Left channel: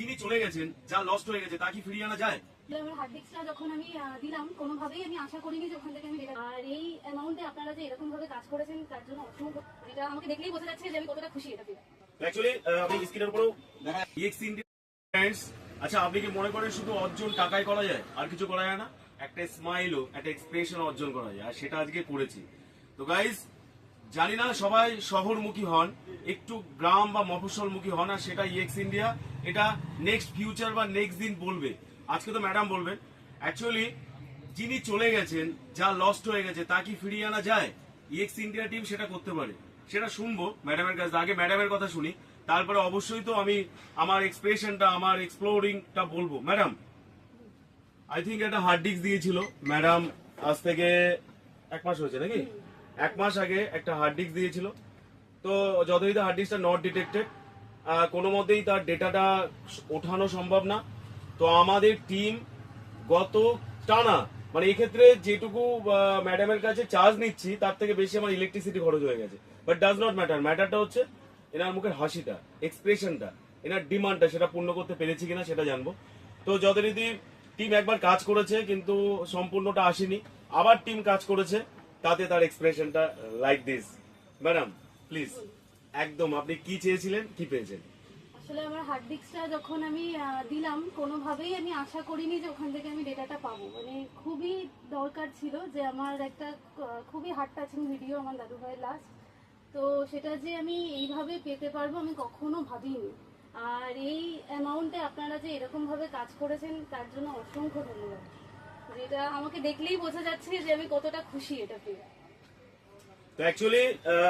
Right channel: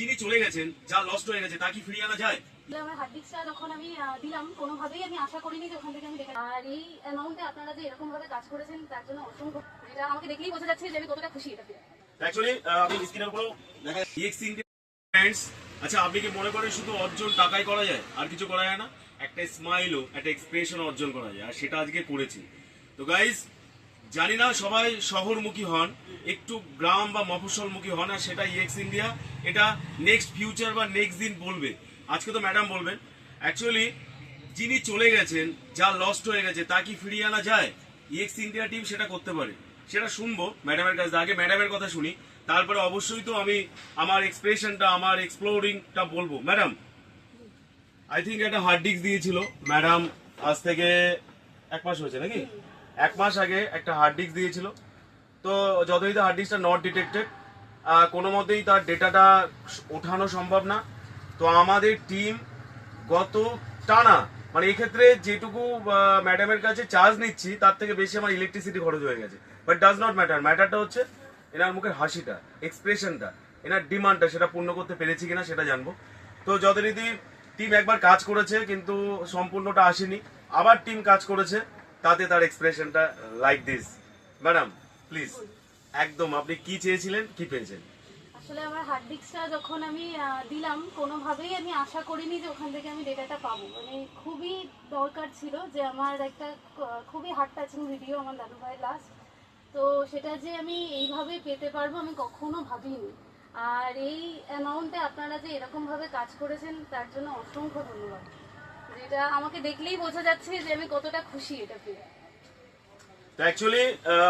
যিনি চলে গেছেন, যা লস্ট হয়ে গেছে তা কি ফিরিয়ে আনা যায়? আমার হার্ড ডিস্কটা যখন আমি দিলাম, কোনোভাবেই আমি আশা করিনি যে ওখান থেকে আমি রেখে, আর এই অ্যামাউন্টে আপনারা যে এরকম ভাবে কাজ করেছেন তার জন্য অসংখ্য, এটা আমাকে দেখলেই বোঝা যাচ্ছে যে আমি কতটা খুশি এটা পেয়ে। অ্যাকচুয়ালি আপনি স্ক্রিনের উপরেও দেখা যায় EX India ফ্রেন্ডস। আচ্ছা, আপনি কি মনে করেন শুধু অর্জন টাকায় করা যায়, আর কিছু করা যায় না? একটা স্মাইলও, একটা এক্সপ্রেশন অর্জন করা যায়, আর সেটা আজকে করেছি। তো গাইজ, জানি না সবাই শহরমুখী হন, একটু গ্রাম বা মফস্বলমুখী হন, আর সেটা EX India এটা নেক্সট ফিউচার বা নেক্সট দিন বলবে। আজকে তো ম্যাডাম বলবেন। অ্যাকচুয়ালি যিনি চলে গেছেন, যা লস্ট হয়ে গেছে তা কি ফিরিয়ে আনা যায়? EX India টিম সেটা করতে পারে, সেটা শুনবো ম্যাডামের কাছে। আগে ম্যাডামের কথা শুনি, তারপরে অবশ্যই তো আমি আমার এক্সপ্রেশনটা, আমার এক্সপ্লোরিংটা বলবো। ম্যাডাম, আই থিঙ্ক একটা হার্ড ডিস্ক দিয়েছিল ম্যাডাম, আজ থেকে 1 মাস হয়েছে নাকি? 1 মাস আগে একটা হার্ড ডিস্ক দিয়েছিল। তো যতই হার্ড ডিস্কটা নট ডিটেক্টেড, কোনো মতেই তার ডেটাটা ওঠানো সম্ভব না। তো আমাদের টিম গত টানা, মানে এই ক্ষেত্রে যেটুকু ম্যাডামের কাছে চার্জ নিচ্ছি তার থেকে বেশি আমার ইলেকট্রিসিটি খরচ হয়ে গেছে। বাট ডাজ নট ম্যাটার, ম্যাটারটা হচ্ছে এনার মুখের হাসিটা, এক্সপ্রেশনটা, এনার ডিমান্ডটা, সেটা পূর্ণ করতে পেরেছি কিনা সেটা জানবো। তো যথারীতি টিম একবার কাজ করেছে কিন্তু সম্পূর্ণটা আসেনি, আবার টিম কাজ করেছে, তাতে তার এক্সপ্রেশনটা লাইক দিস। ম্যাডাম প্লিজ, একদম আপনি কি চেয়েছিলেন, কি পেয়েছেন? আসলে আমার হার্ড ডিস্কটা যখন আমি দিলাম, কোনোভাবেই আমি আশা করিনি যে ওখান থেকে আমি ডেটাটা পাবো। মানে খুবই দরকার ছিল যে আমার একটা খুবই হার্ট টাচিং ভিডিও, আমার দাদু ভাইয়ের লাস্ট, তো সেটা যে আমি এইভাবে পেতে পারবো আমি কখনো ভাবিনি। আর এই অ্যামাউন্টে আপনারা যে এরকম ভাবে কাজ করেছেন তার জন্য অসংখ্য ধন্যবাদ। যেটা আমাকে দেখলেই বোঝা যাচ্ছে যে আমি কতটা খুশি এটা পেয়ে। তো অ্যাকচুয়ালি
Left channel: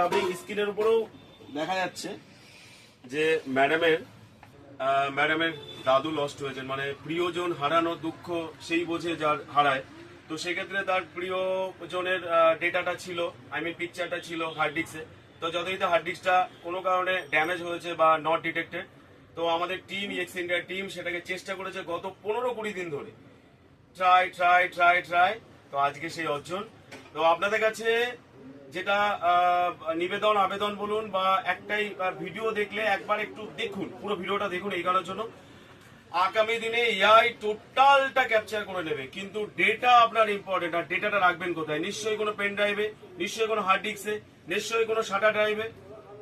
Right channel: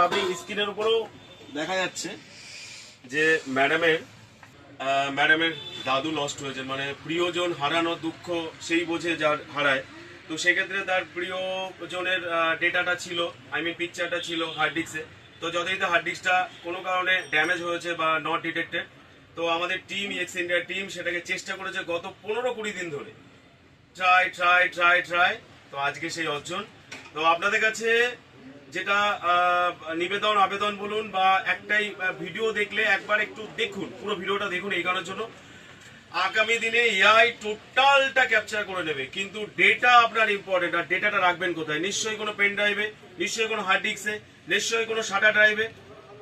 আপনি স্ক্রিনের উপরেও দেখা যাচ্ছে যে ম্যাডামের দাদু লস্ট হয়েছেন, মানে প্রিয়জন হারানো দুঃখ সেই বোঝে যার হারায়। তো সেক্ষেত্রে তার প্রিয়জনের ডেটাটা ছিল, আই মিন পিকচারটা ছিল হার্ড ডিস্কে। তো যতই হার্ড ডিস্কটা কোনো কারণে ড্যামেজ হয়েছে বা নট ডিটেক্টেড, তো আমাদের টিম, EX India টিম সেটাকে চেষ্টা করেছে গত 15-20 দিন ধরে, ট্রাই। তো আজকে সেই অর্জন। তো আপনাদের কাছে যেটা নিবেদন, আবেদন বলুন, বা একটাই ভিডিও দেখলে একবার একটু দেখুন, পুরো ভিডিওটা দেখুন এই কারণের জন্য। আগামী দিনে AI টোটালটা ক্যাপচার করে নেবে, কিন্তু ডেটা আপনার ইম্পর্টেন্ট। আর ডেটাটা রাখবেন কোথায়? নিশ্চয়ই কোনো পেন ড্রাইভে, নিশ্চয়ই কোনো হার্ড ডিস্কে, নিশ্চয়ই কোনো সাটা ড্রাইভে,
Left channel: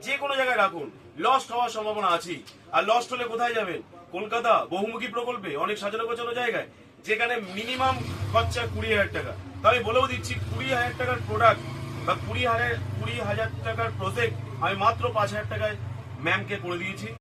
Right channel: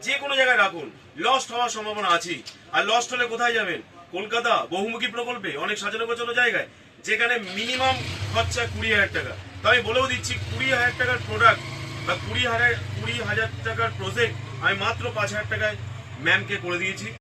যে কোনো জায়গায় রাখুন। লস্ট হওয়ার সম্ভাবনা আছে, আর লস্ট হলে কোথায় যাবেন? কলকাতা বহুমুখী প্রকল্পে, অনেক সাজানো গোছানো জায়গায়, যেখানে মিনিমাম খরচা 20,000 টাকা। তো আমি বলেও দিচ্ছি, 20,000 টাকার প্রোডাক্ট বা 20,000 টাকার প্রজেক্ট আমি মাত্র 5,000 টাকায় ম্যামকে করে দিয়েছি।